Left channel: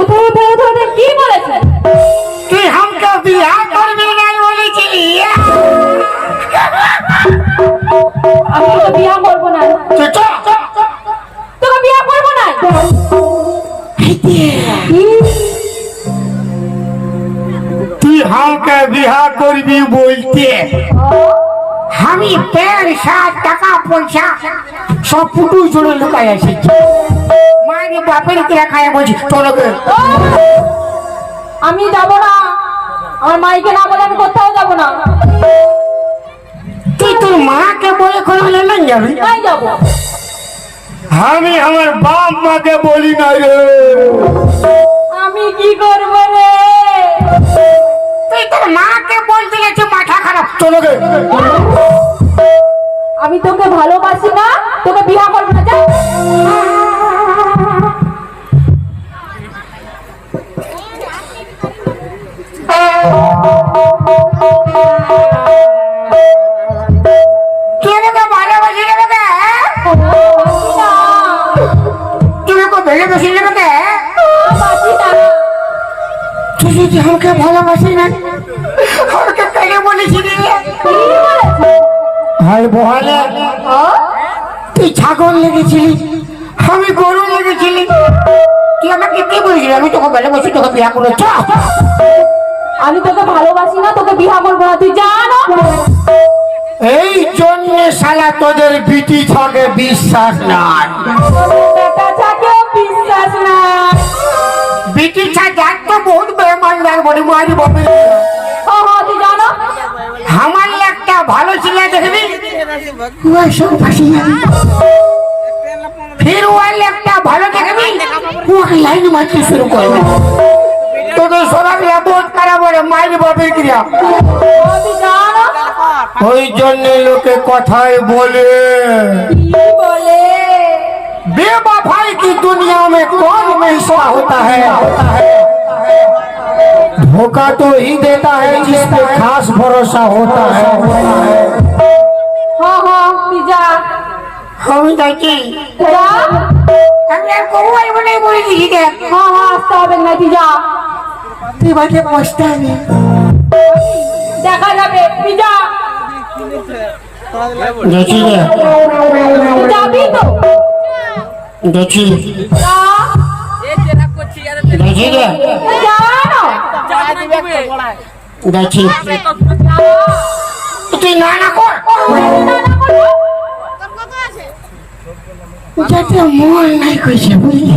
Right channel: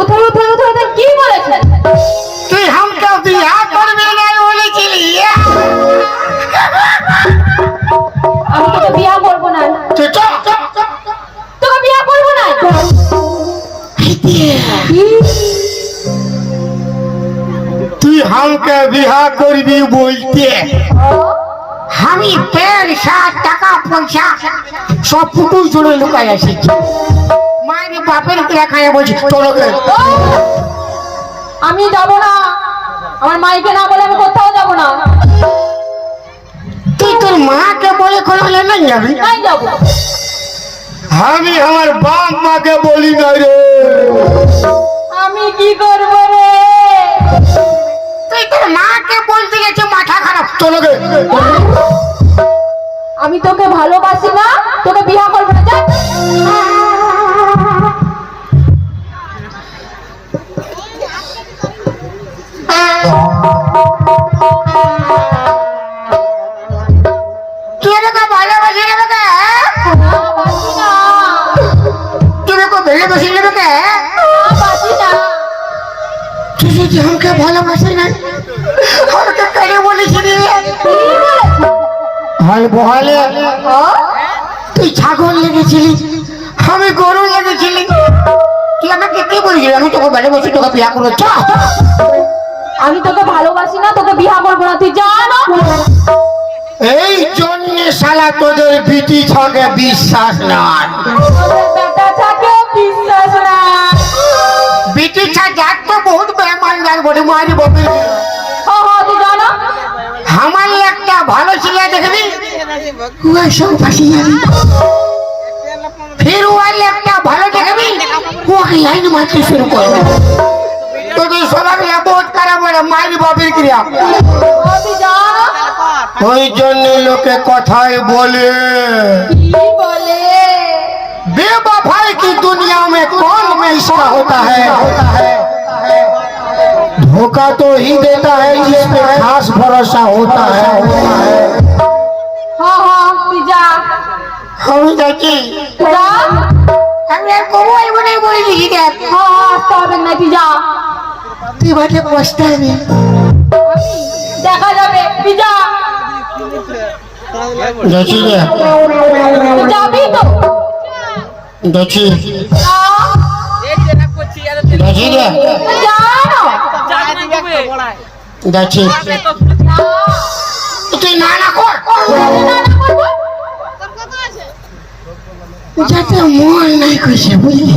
উঠে উঠে উঠে উঠে কি বলেছিলি তুই হামকে বিয়া করবি নাই বলেছিলি। আমি তোকে বিয়া করব না। তোকে বিয়া করব না। তুই হামকে বিহা করবি বলতে। আমি পের সাত টাকা পয়সা সব পুটুই চলে লুকাই এসেছি। বাপের খায় বলছি তোলকে আমি যাব না। আমার মাইকে না বলে আমি কোথাও যাব না। তুই তোর মাকে বলে করবি না যাবি? নাই যাব। আমি আমার বাপ মাকে বলি না রে। আমি কি করব রে? তুই তোর মাকে বলতে গেছে মাথা খারাপ। তোলকে আমি তোকে ভালোবাসি না তোকে বিয়া করব না যদি আমাকে ভালোবাসি না, আমাকে তুই ছাগল লেগেছিলি, আমি গরু লেগেছিলি। তুই আমাকে কি বলেছিলি? আমি তোকে ভালোবাসি, তোকে বিয়া করে চ। আমি তোকে ভালোবাসি না তোকে বিয়া করব না তুই যা না এই জন্য শালা তোদের বিটি ছাকে বিশ্বাস ছাকেও বিশ্বাস নাই। বিটি ছা যাক তো বহুত বেমানদার বলি মারি তুই না আমার একটা ভালো ছেলে দেখবি? ও সব ফাঁসি ফির ও একটা ভালো দেখবি? লাইন মারতে শুরু করবে। তোদের সবাই বহুত করে বলে মারি বাপের ক্রিয়া হ, তুই যা না ওই জন্য লোকে কথায় বলে কি বলে बेवफाई की दुनिया में कौन मिसरा होता है धोखा तो ही देता है जिस पर खास भरोसा होता है হ হ তুই যা আমি যাচ্ছি যা আমি আর তুই বসতে হবে দেখা যাবে যা দেখি যাবি তো দেখি দেখি দেখি তুই না না কর। যাতে মন নাই কইছে বুঝলি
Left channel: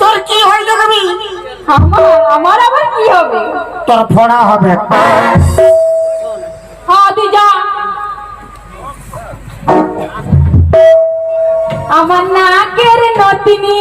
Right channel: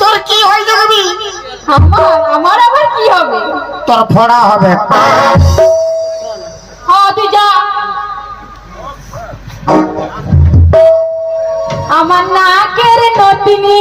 তোর কি হয় দেখবি আমার আমার আবার কি হবে? তোর ফড়া হবে। হ্যাঁ তুই যা। আমার নাকের নতিনি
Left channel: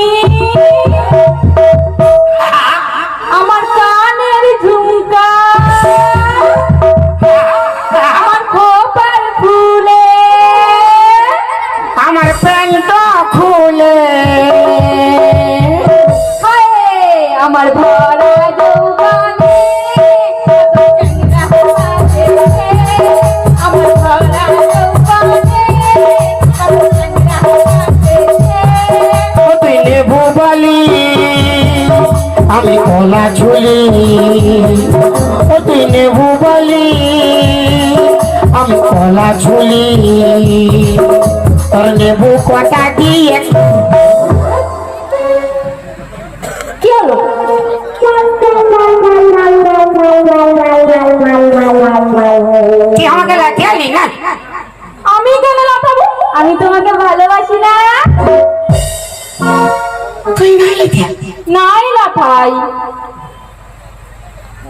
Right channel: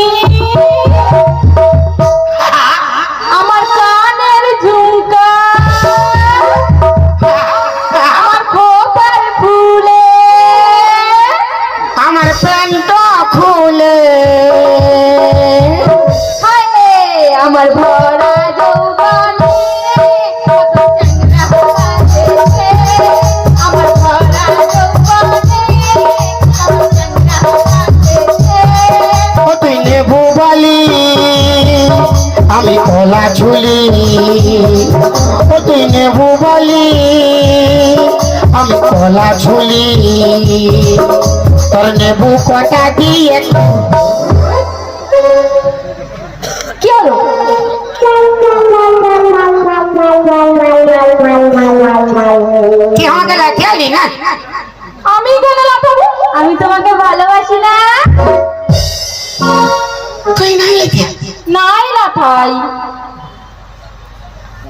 তুই না লিখে নাই লাফাই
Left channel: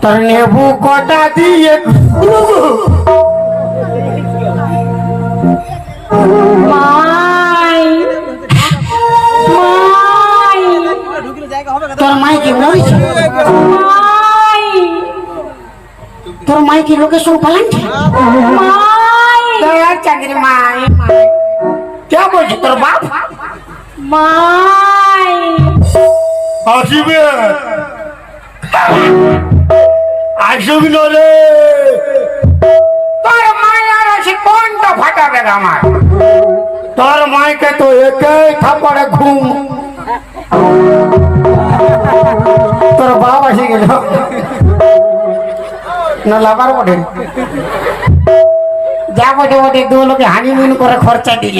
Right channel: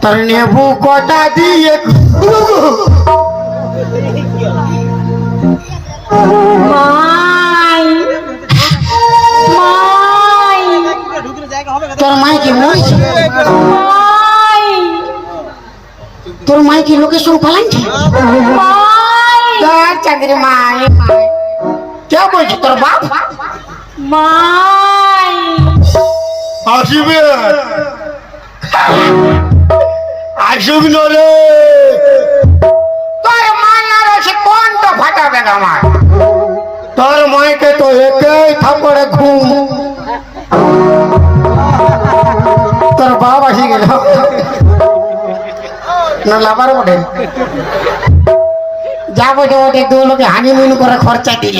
তোর নেবু কটা দিয়ে মাই মাই তোর মাই কি মরেছে মাই তোর মাই কি লোকের সঙ্গে পালাচ্ছে মাই তোর চাকরি মাই মাই কে বলছে তোর বাপ মাই আসিবে আসুক নরে তোর মায়ের আছে কোনটা ফাটাবে আমার। তোর মাইকে তো একে থাপড়ে ঘুম। তোর বাপ আসি গেল। না লাভার ওঠে যা বোঝে ওঠে দু লোকে হানিমুন করে খরচা দিল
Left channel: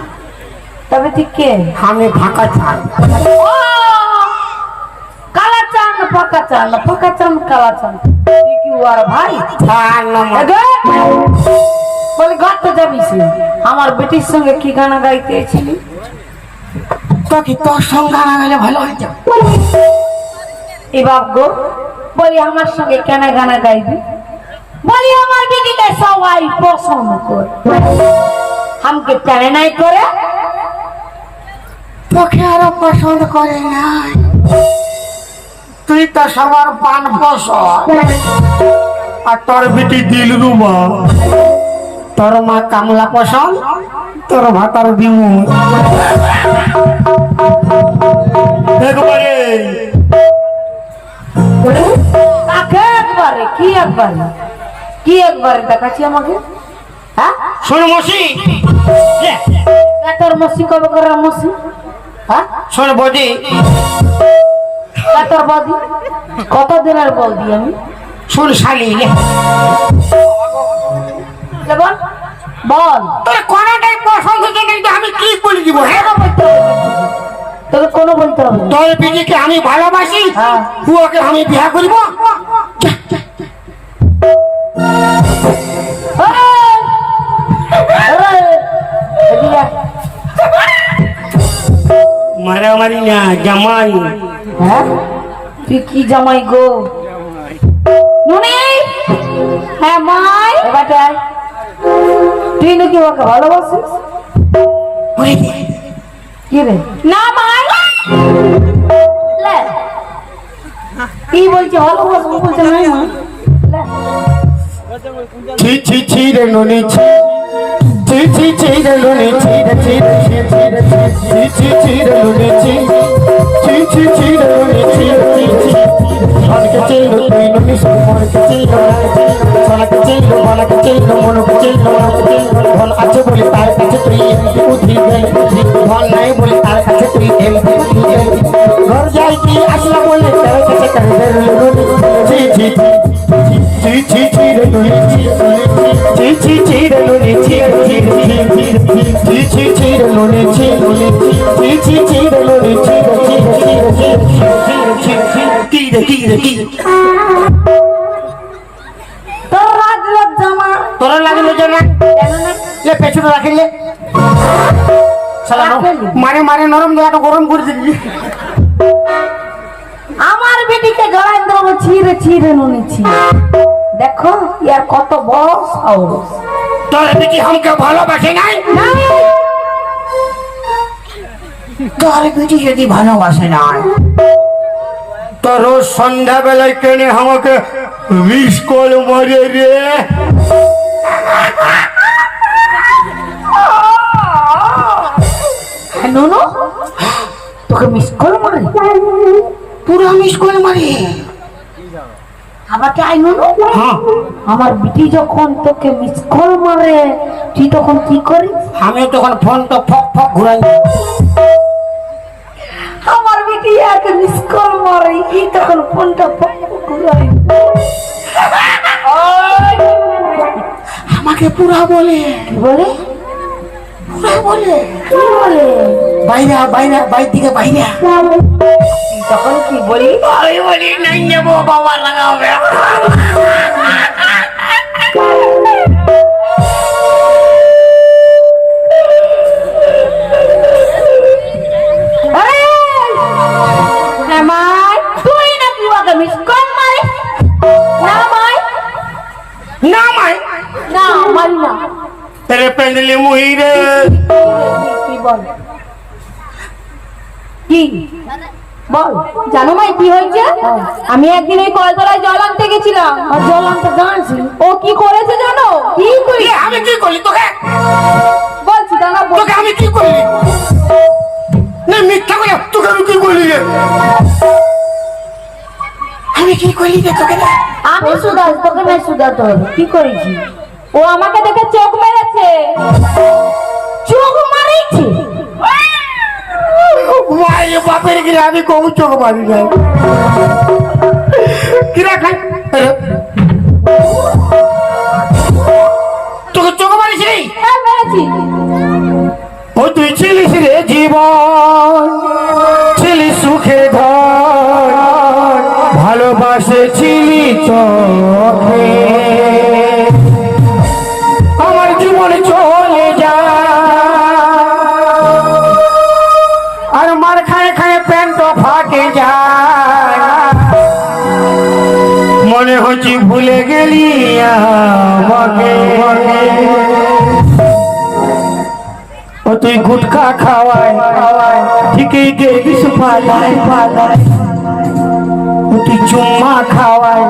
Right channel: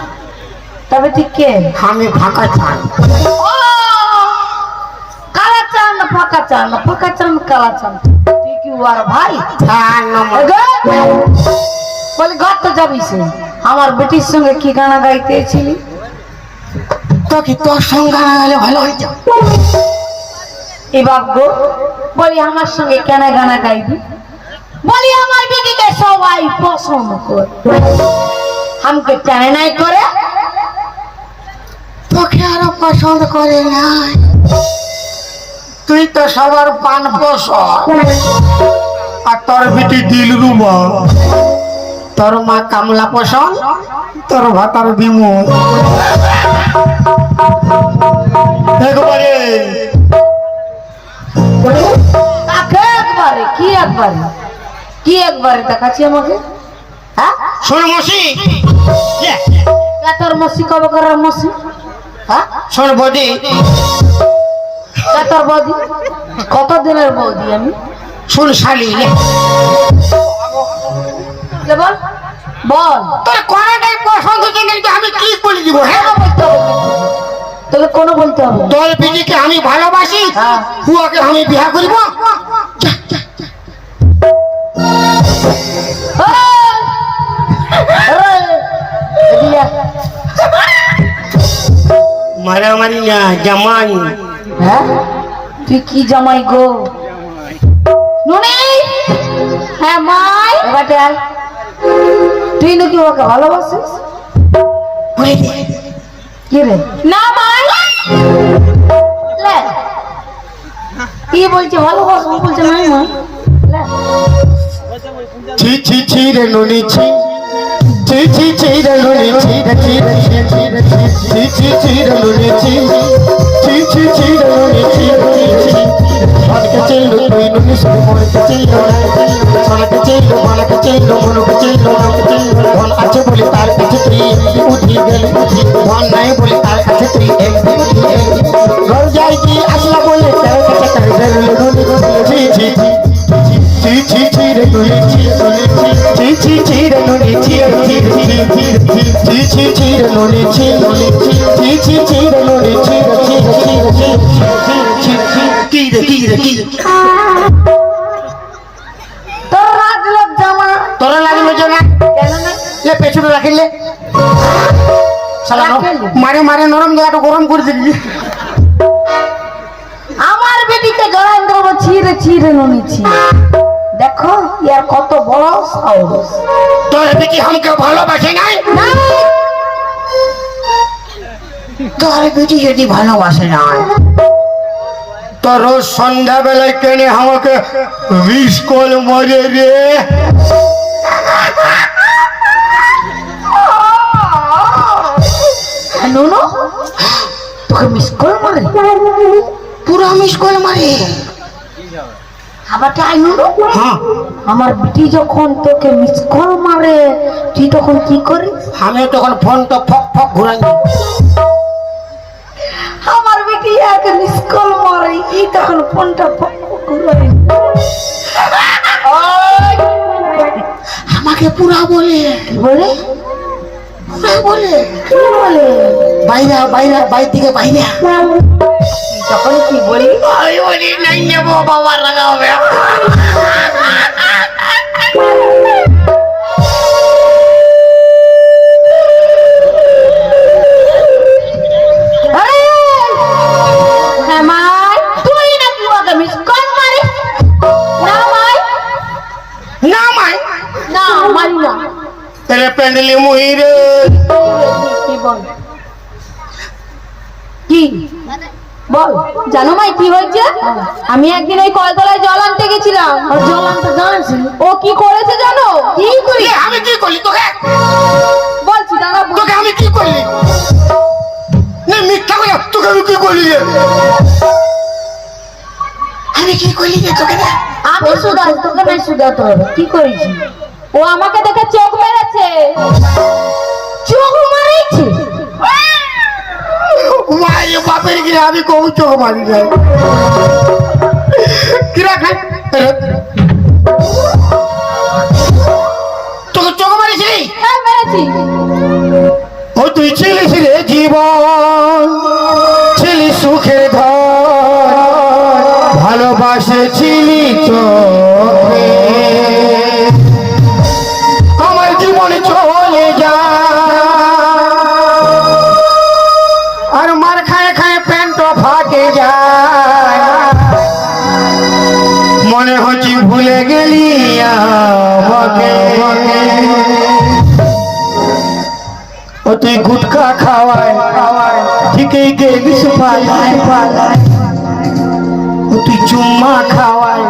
তবে তুই কে? আমি ফাঁকা ও! কালা চান ফাঁকা চান না ফাঁকা চান কালা চান তুই কি ওর ভাই। বলে ঘর তো যাবি আমার বেটির সঙ্গে কি গানা গাইতেছিলি তো কি তোর সঙ্গে না হলে ভালো হইতো? এই বাপ গো বলি আমার সঙ্গে কেন গানা গাইবি? বলি আমার বেটিকে সবাই পছন্দ করে। আমাকে টানে নাই করে? তোকে আরও পছন্দ করে নাই। তুই তো সবার পান পশ আর তোর বেটি দিল রুমা। তোর মা কামলা পছন্দ তোর ভাতার বিমু। একবারে। একবারে? কি একবারে? কি একবারে দেখাচ্ছি আমাকে? হ্যাঁ? শোন মসি। তোর মসি কবে করার মসি? শোন বদি। তোর বৌদি? কত দিনের বৌদি আমি? শোন শালি বল। বল। তোর পছন্দ জেনে আমি কি বলে দিব হ্যাঁ? কোনো বলতে। তোকে কোনো বলতে হবে? তোর বিটিকে আমি ভালোবাসি হ্যাঁ। পুয়াকে আমি বিয়া করিব। রিয়া, মারামারি না জামাই। হ্যাঁ? তুই কি জামাই গো? নুনি! হ্যাঁ মাই। আয়। তুই নাকি ওকে ভালোবাসিস। কি রে? না মাই। লে। কি বলছে? ভালোবাসবো বলছে লে। ছি ছি ছি রে ননি ছি। ছি ছি ছি রে ননি ছি রে ছি রে ছি ছি রে ছি ছি ছি রে ননি ছি ছি ছি ছি রে ননি ছি ছি ছি মনকে চিল্লো তুই ননি সব মনকে চিল্লো সোনাকে চিল্লো মনকে চিল্লো মনকে চিল্লো ধন আছে বলে তার কাছে তুই উঠি গেলি ধন নাই বলে তার কাছে তুই এমপি ঘর যাই কি আসলা বলে তার কাছে করবে ননি ছি ছি ছি ছি ছি ছি রে ননি ছি ছি ছি ছি ছি ছি ছি ছি ছি ছি ছি ছি ছি ছি কি রে কি রে কি তোর লোক জামা তোর লাগল না লে পেছনে রাখিলে মারি মারি নরম জায়গাটা গরম করে দিলি আমার বেটিকে জড়াই ছিঁড়ে ছিঁড়ে নুনিছি দেখো ইয়ার কত বড় সাহস তোর বেটি আমাকে ভালোবাসে নাই তোর বেটি যদি ভালোবাসে না? তো রোজ সন্ধ্যাবেলায় কেনে আমাকে মিস কল মারে রে। নুনু তোকে মিস করে মারে? পুরো মিস করে মারি। আবার তাই নুনু। আমার বিটি যখন তোকে মিস কল মারে তুই তখন কি করিস? আমি তখন ফোন তো ফক ফক ঘুরাই এক মিস কল মারে এই তখন ফোনটা ঘুরাই আমাকে পুরা বলে। কি বলে? পুরা বলে। কি বলে? বাইরে বাইরে বাইর দিকে বাইরে। তখন কি বলি? আমি বলি নাই নেব বাবা লাগাবে কি? বল। জানো ভাই কি হয়েছে? আমি একদিন ওই কলতলায় জল আনতে গেছিলাম। আর জল আনতে জানছি ও কি করেছে জানো? কি করি আমি কি করলি তোকে? বলছি দাদা তোকে আমি কি করলি? না মিথ্যা করে তোকে আমি কি করলি রে? আমি কি করলি রে তোকে আমি তোকে নাই সুদাতে হবে কি করেছি? ও আমাকে দেখে চোখ মেরেছে। চোখ মারিছে? মায়ে বাপের গিরে আমি কবু চোখ মারি যাই কিরা খাই। তোকে চোখ মারিছিলি হ্যাঁ ও তুই ছিলিস রে জীবন। তুই গুটখা খাওয়ায়, ঠিকই গেলিস পালায় পালায় তুই চুম্মা খাওয়ায়,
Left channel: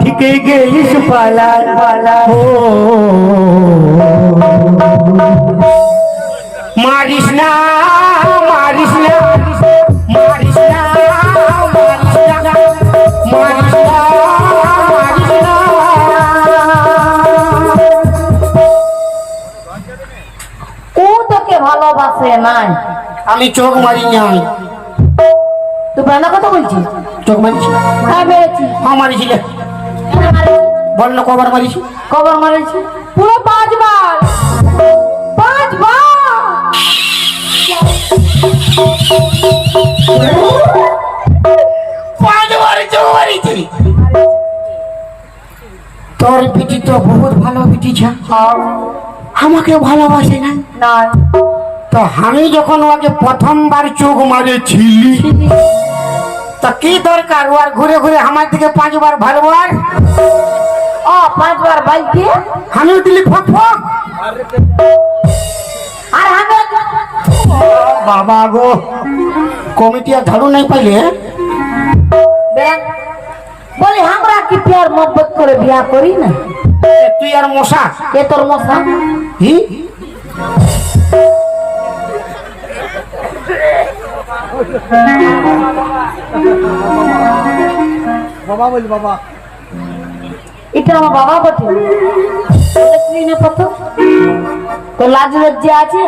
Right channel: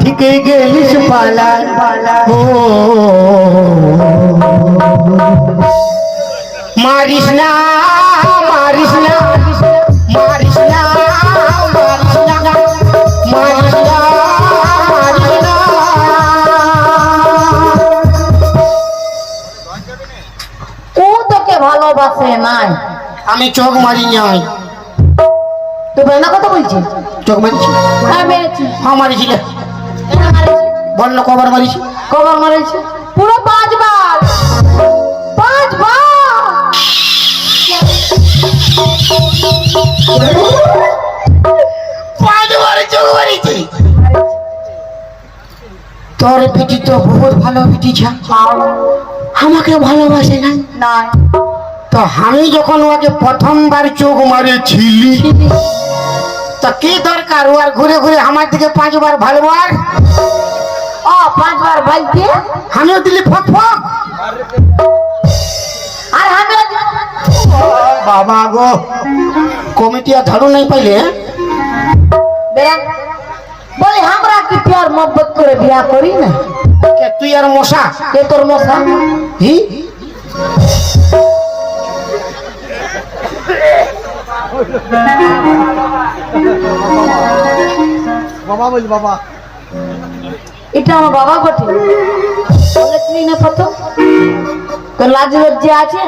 ঠিকই গেলিস পালায় পালায় ও। আমি চোখ মারি নাই তুই বানা কথা বলছিস চোখ মারিছি। হ্যাঁ মেরেছি মা মারিছি বল না কবার মারিছি। কবার মেরেছি? পুরো পাঁচবার। পাঁচবার। পাঁচবার চোখ মারিছি। তোর পিটি তো বহুত ভালো পিটি ছা। আমাকে ভালোবাসে না? না। তো আমি যখন ওকে প্রথমবার চোখ মারেছিলি তা কি দরকার? ও আর ঘুরে ঘুরে আমার দিকে পাঁচবার ভালোবার ও পাঁচবার বালতি আমিও দিলি ফক ফক। আর আমি বাবা গো কমিটি আর ঝাড়ু নাই পাইলে? বলে আমরা কি প্যার মোহব্বত করে বিয়া করি না? তুই আর মশা? কে তোর মশা? হি? এটা আমার বাবা বটে। বলেছিলি না প্রথম? তোর লাজ লজ্জা আছে?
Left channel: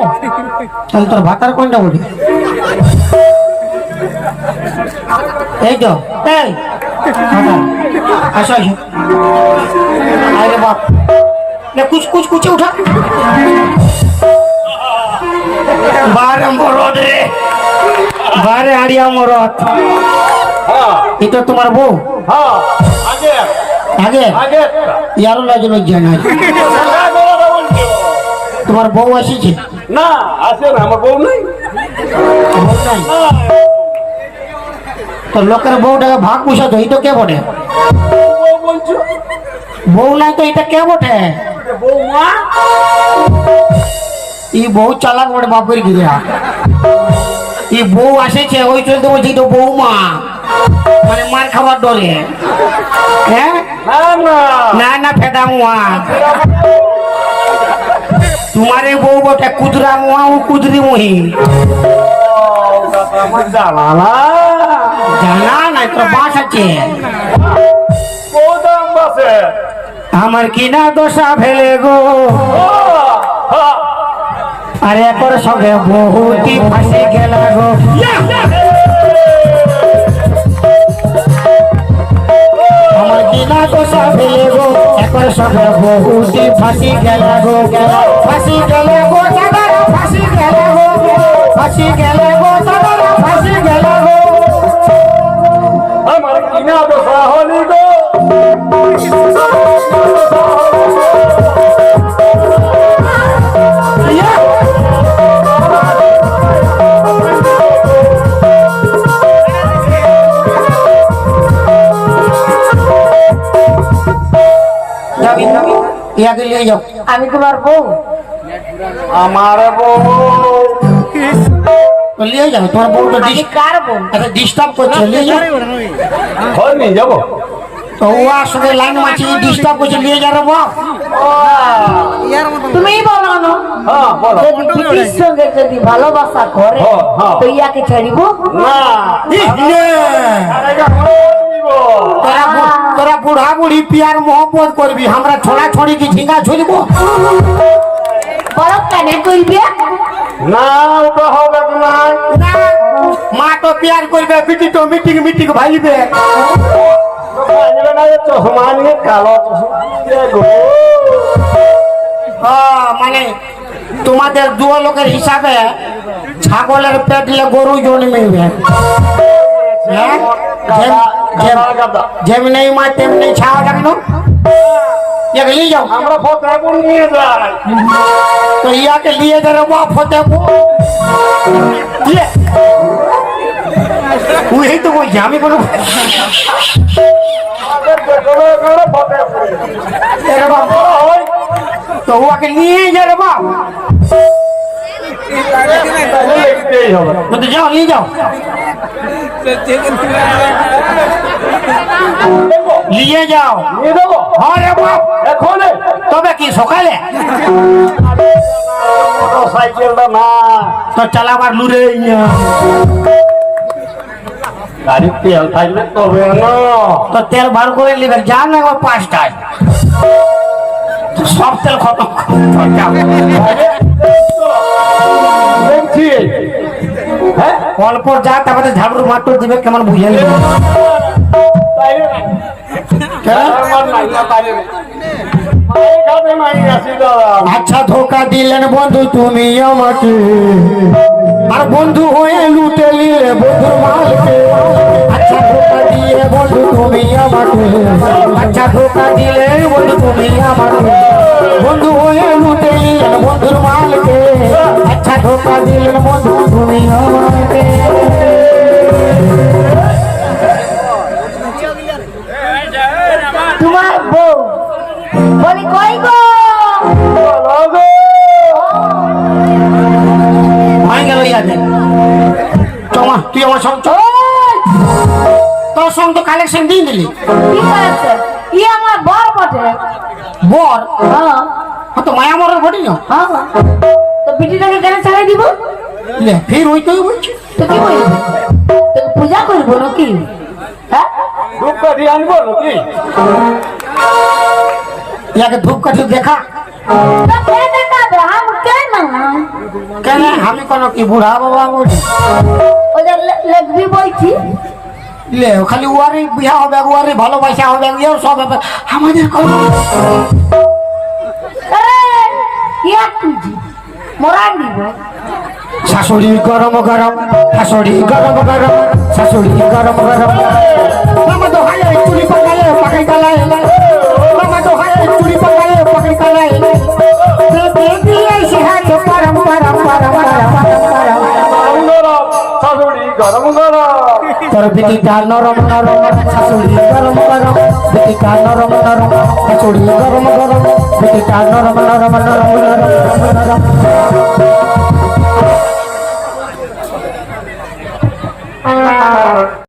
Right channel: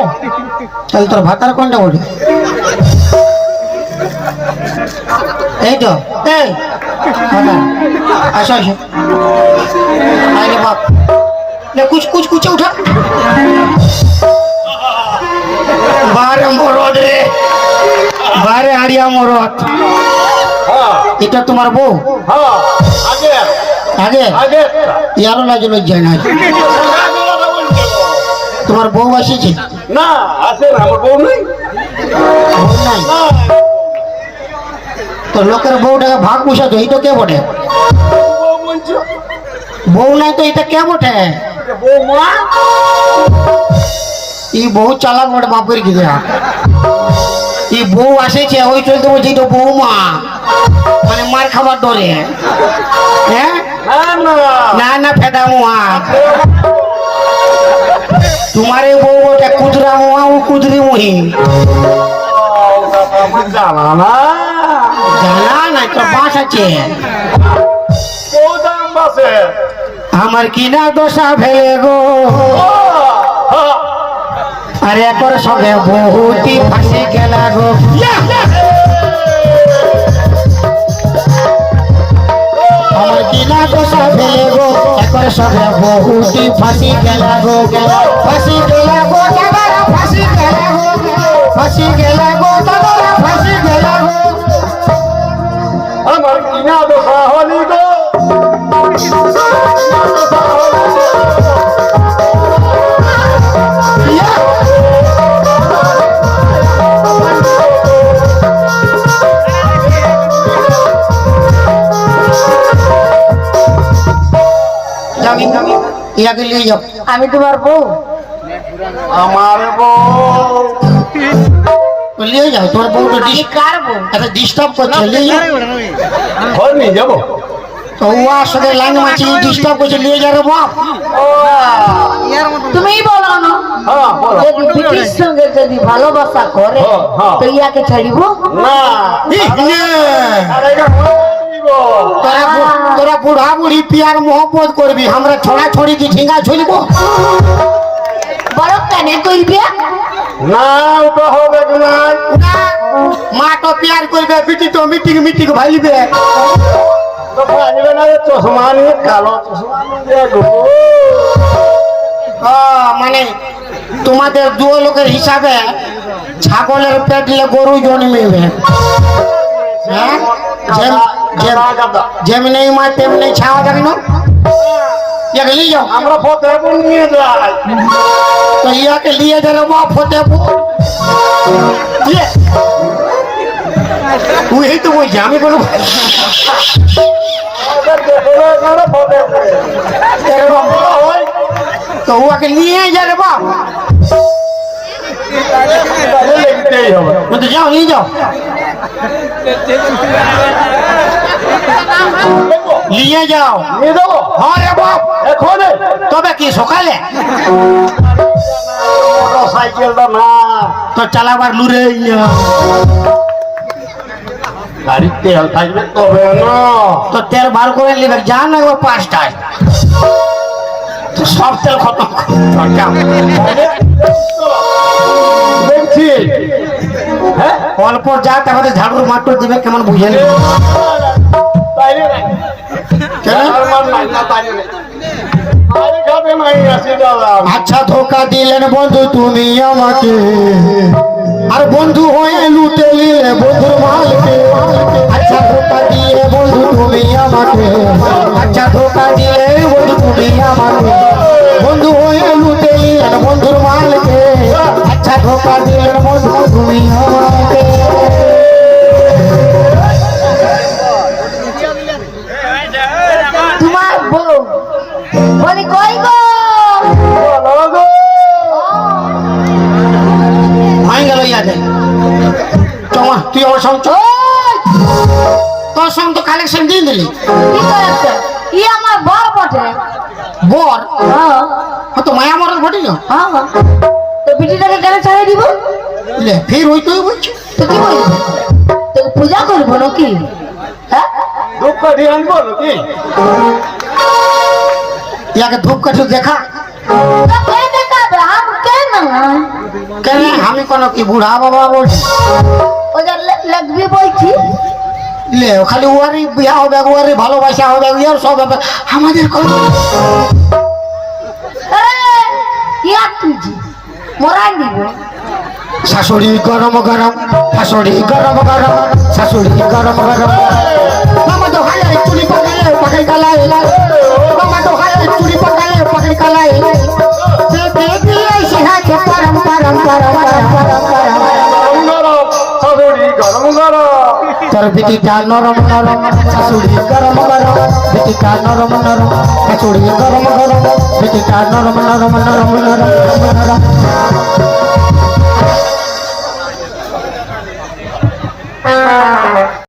তাহলে তোর ভাতার কোনটা বলি এই তো এই। বাবা আসো আসো। আরে বাপ। লে কুচ কুচ কুচে উঠা। বারে মরদ রে। বারে আড়িয়া মরদ। এটা তোমার বউ? আগে? ইয়ারও লাগে লজ্জা নাই তোমার বউ আসিছে? না না আমার বউ নাই। বউ নাই? তো লোকের বউটাকে ভাগ পুষা তো এইটা কে বটে? বউ বউ নাই তো এটা কে বটে? বউ মা? ই বউ চালাক বটে বাপের গিয়া ই বউ আসেছে ওই চলতে বলছি তো বৌমা মানে মার খাবার ডরে হ্যাঁ? না না, ফেদা মুয়া। তোমার এই বউ বটে, কুদরা মুয়া ও কুদরি মুহি। জানা না না তো বাস আছে? আমার কিনা দশা ফেলে গো? আরে একর সঙ্গে বহুতি ফাঁসি গেল গো। একর সঙ্গে ফাঁসি গেল গো ফাঁসি গেল গো দাদারা ফাঁসি গেল গো, ফাঁসি গেল গো দাদারা ফাঁসি গেল গো। আমার কিনা দশা আমি তোমার বউ। আমার বউ। তো নিয়ে যাও তোর বউ তো কার বউ? একটা ডিস্টার্ব করছে নিয়ে যাও নিয়ে যাব? তো ওয়ার সঙ্গে লাইন মাছি ডিস্টার্ব করছে নিয়ে যা রে বাপ তুমি বলো না। হ্যাঁ যদি পিটির সঙ্গে যদি ভালোবাসা করে হ্যাঁ, হ্যাঁ। তো ইয়াকে ছাড়িব? না। তোরা তোরা বুড়া বুড়ি পিয়ার মহব্বত করবি আমরা ছড়া ছড়ি কি ঝিঙ্গা ছড়িব বড় কেনে তুইবে না ওটা হবে না মা তো পিয়ার করবে পিটি তো মিটিং মিটিং ভাইবে। চশমা নিয়ে কালো মানে তোমাদের দু লোকের হিসাবে ছাগলের পেটলে গরু জন্মিবে। হ্যাঁ? যেম- যেম- গাদা, গাদা। যেমনি মা তেমনি ছাওয়া যাবে না ইয়াকে নিয়ে যাও আমরা ফতেপুর নিয়ে যাই তো ইয়াকে নিয়ে যাবে বা ফতেপুর ইয়ে। তুই তো বলছি আমি কোনো আমাদের যেখানে গেলে ফতেপুরে। এরে বাবা, ওই তো ওকে নিয়ে যাবে নিয়ে যাও। নিয়ে যাব? হ্যাঁ বাপ। এখনই? তবে কি সকালে? না। তো চালাবার লুরে গাড়ির তেল থাকবে তবে তো তেল বার করে নিবে। যান না পাঁচটায়। সব তেল খতম দেখছি। হ্যাঁ? অল্প যা তারপরে ঝাড়ুর মাট্টু দিবে কেমন বুঝে নেবে। আচ্ছা ধোকা দিলেন বন্ধু তুমি আমাকে। আর বন্ধু হয়ে ই আমার বর বটে। বর? হ্যাঁ। হ্যাঁ তো মায়া মরার ঘটি না? হ্যাঁ তো বিটিটাকে কেন ছাড়াই দিব? লে ফের ওই তুই বলছি। তো কি পূজা করব নাকি? হ্যাঁ? দুধ কাঠি আনব নাকি? ইয়াকে ধূপ কাঠি দেখা কে দেখাবে কেন? আমি কোনো কি বুড়া বাবা বলছি? ওদের লাগবে বলছি। লে খালি ওয়ারি বিয়া হবে ওয়ারি ভালোবাসা হবে ইয়ের সব হবে আমাদের কোন মোরা শাশুড়ি গরম গরম শাশুড়ি গরম গরম শাশুড়ি গরম গরম। মামা তো হায় চুরি পাকালে পাকাই কালাই মামা তো হায় চুরি পাকালে পাকাই কালাই বে বে এসে হাতে পরম পরম পরম পরম পরম। গরম গরম শাশুড়ি গরম গরম। তোর বিটিটা নরম নরম শাশুড়ি গরম গরম। বিটিটা নরম নরম শাশুড়ি গরম গরম। বিটিটা নরম নরম